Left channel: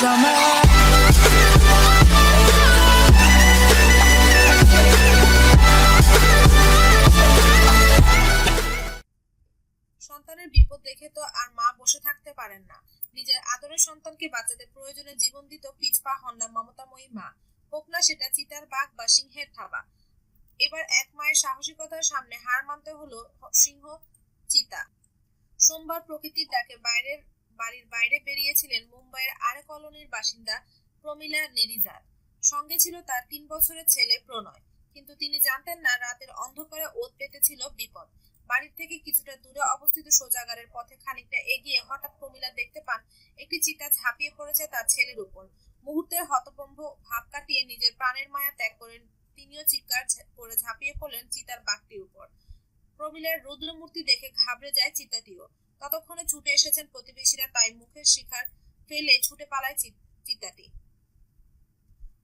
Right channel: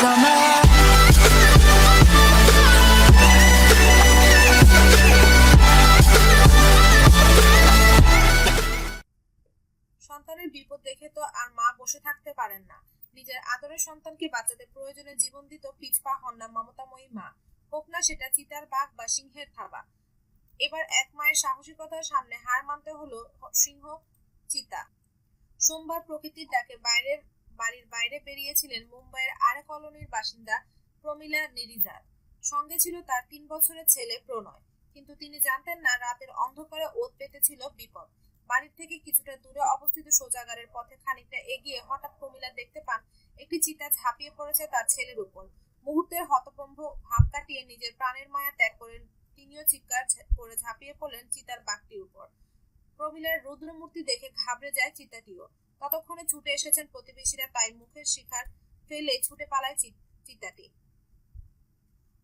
সন্তানের বিপদ দেখে তো আর মা বসে থাকতে পারেন না। নিজের আদরের সন্তানকে বাঁচাতে প্রয়োজনে জীবন দিত পিছপা হন না মমতাময়ী মা। হোক না সেটা চিতার বাঘ বা সিংহের থাবা। এবার এক মায়ের সাহসিকতার সামনে হার মানতে হলো সিংহ চিতা। সোমবার প্রকৃতির ডাকে বাইরের বাড়ির বাইরে বেরিয়েছিলেন মুম্বাইয়ের আরে কলোনির বাসিন্দা প্রমিলা নিরিজার সঙ্গে ছিল তার তিন বছরের ছেলে প্রণয়। কিন্তু তিনি জানতেন না রাতের অন্ধকারে ওত পেতেছিল বিপদ। বাড়ির থেকে কিছুটা দূরে অবস্থিত শৌচাগারের পথে খানিকটা এগিয়ে হঠাৎ প্রমিলা দেখতে পান, একটি চিতা ঝাঁপিয়ে পড়েছে তার ছেলের উপর। মুহূর্তের হতভম্ব ভাব কাটিয়ে নিজের প্রাণের মায়া ত্যাগ করে তিনিও চিৎকার করে ঝাঁপিয়ে পড়লেন চিতার বাঘটির উপর। প্রমিলার রুদ্রমূর্তি দেখে ঘাবড়ে যায় চিতাটিও। ততক্ষণে ছুটে এসেছেন প্রতিবেশীরা, তাই মুখের শিখার ফেলে ছুটে পালায় চি- চিতাটি।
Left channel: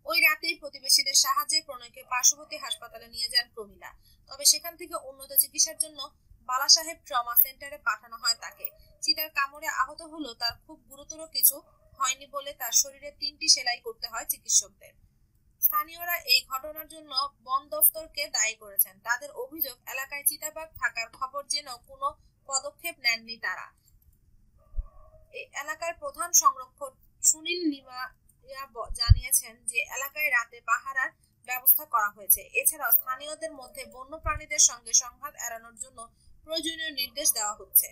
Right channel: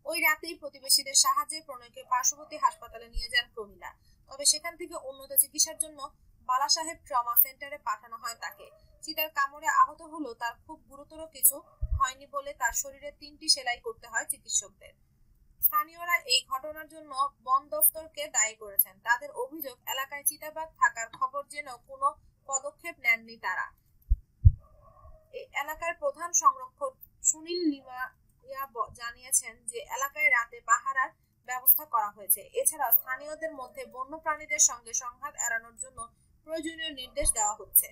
ওই রাতেই প্রতিবেশীদের সাহায্যে প্রণয়কে পার্শ্ববর্তী হাসপাতালে নিয়ে যান প্রমিলা। তবে সেখান থেকে উন্নত চিকিৎসার জন্য বালা সাহেব ট্রমা সেন্টারে পাঠানো হয় তাকে। চিতার কামড়ে আহত হলেও তার খুব গুরুতর কিছু হয়নি বলে তার শরীরে তিনটি সেলাই করতে হয় চিকিৎসকদের। স্থানীয়রা এই ঘটনার জন্য বন দফতরকে দায়ী করেছেন। তাদের অভিযোগ, এলাকায় চিতাবাঘ থাকার খবর যেন কোনো পদক্ষেপ নেননি তারা। এলাকার প্রধান সংরক্ষক সুনীল নিমা জানিয়েছেন যে, এলাকায় রাতে পাহারার ব্যবস্থা করা হয়েছে। এছাড়া স্থানীয়দের মধ্যে বন্য প্রাণীদের সঙ্গে সংঘাত এড়ানোর জন্য প্রয়োজনীয় নির্দেশ দেওয়া হচ্ছে।